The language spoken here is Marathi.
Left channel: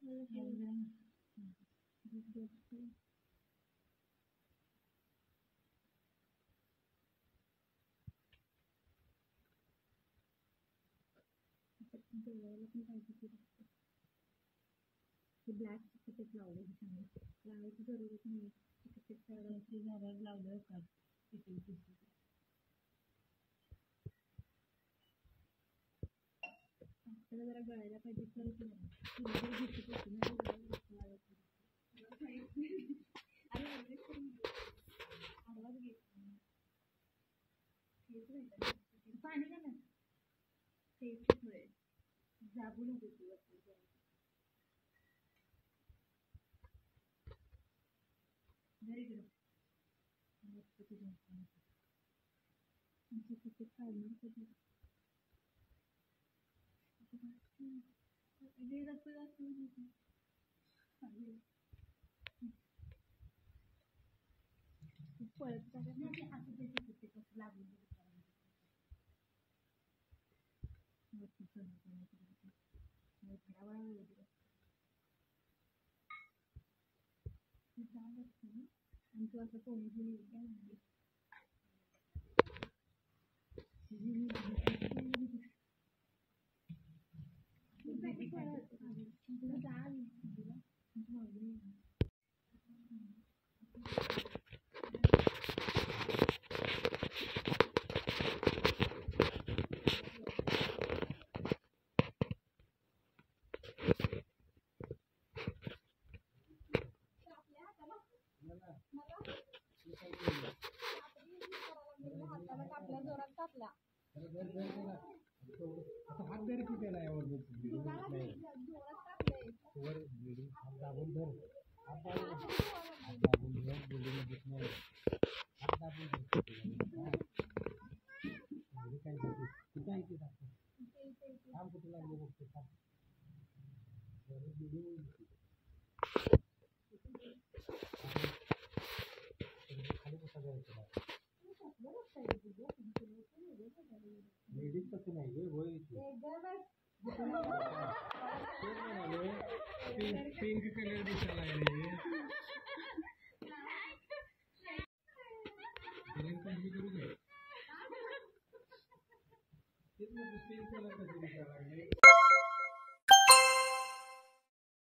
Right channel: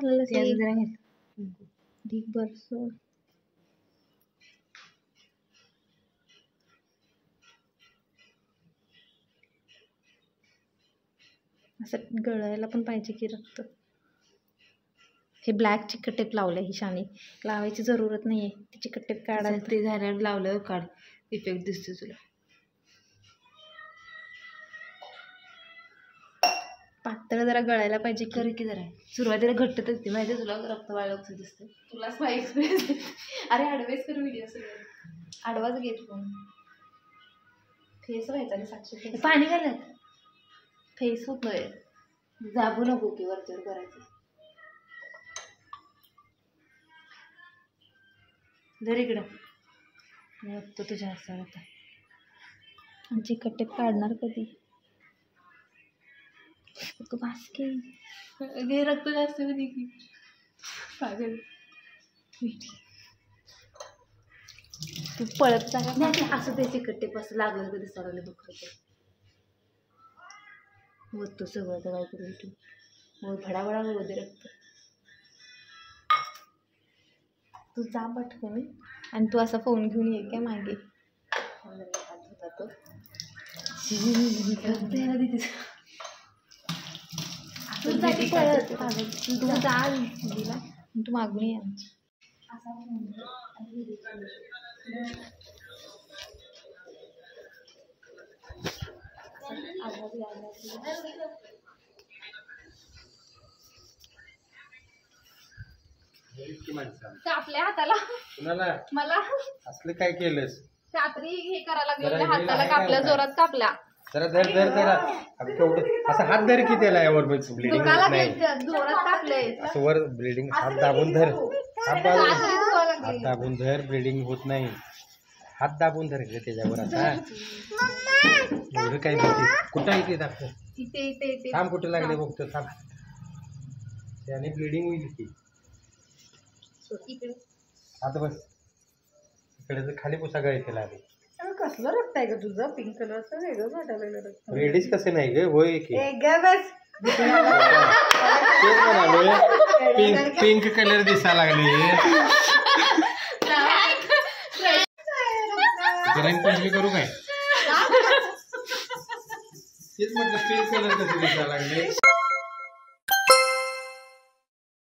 घालायला ढीक बरस असं गळायला पण पाहिजे की रक्त. हे ब्लॅक चिकट टेप लावलं ही शानी लावायची जरूरत नाही आहे. ती चिकट टेप काढायला ते झाल्यावर लावलं काढ इफेक्ट दिसतो तुला. पातळ जरा गळायला पाहिजे कर की जरा. सुरुवातीला घट्ट तर ते माहिती तुला रक्त वाळलं दिसतं. तुलाच एक्सपिरियन्स. अरे ॲडवाइस कर व्हिडिओ आडवाच घेत फोन. फेस व्हायचा पाणी घालत फेस होतोय. जाबू नको की वरचर करायचं. जर इकडं मी बघतो तुझ्या हातावर आता. आमची कट्टेप काढणार कधी. तू बासकी घे रक्त जास्त होती की पागल. तू पळत जा नाही असं त्याचे कट्टेप असं लागलं कधी सरायला दुखत होत तो सगळं तर काय करू तू मग फडाफडा होते रक्त. तू जा पटकन आणि तू असा फोन घेऊन ये काय मागे. तू जा दिला तू मागून ये. कापल्या हाताला मला असलं काय केलंस. रात्री हे करायला लागलं हाताला कापल्या जोरात कापल्या. जरा धर धर जरा असं हात धर की त्याला यावर ब्लिडिंग नाही जोरात कापले असं वर ब्लिडिंग हात दाबून धर. हात दाबून धर ब्लिडिंग होत नाही. हात दाबून धर त्याच्यावर आता एवढं काय भीती. कुठं आहे ते दाखव. इथे थांब कुठं लागले बघतो थांब. त्याने ब्लिडिंग होईल की. आता बस इकडे खाली पुसा गळे त्याला. कसलं रक्त आहे का तुझं पिंक कलरचं वेगळं वाटायला रक्त. रेडीच कसं नाही ग होय की पिंक कलर दिसा लागले. रंगपंचमी करू काय तेच म्हटलं पिंक कलर कसं दिसा लागले.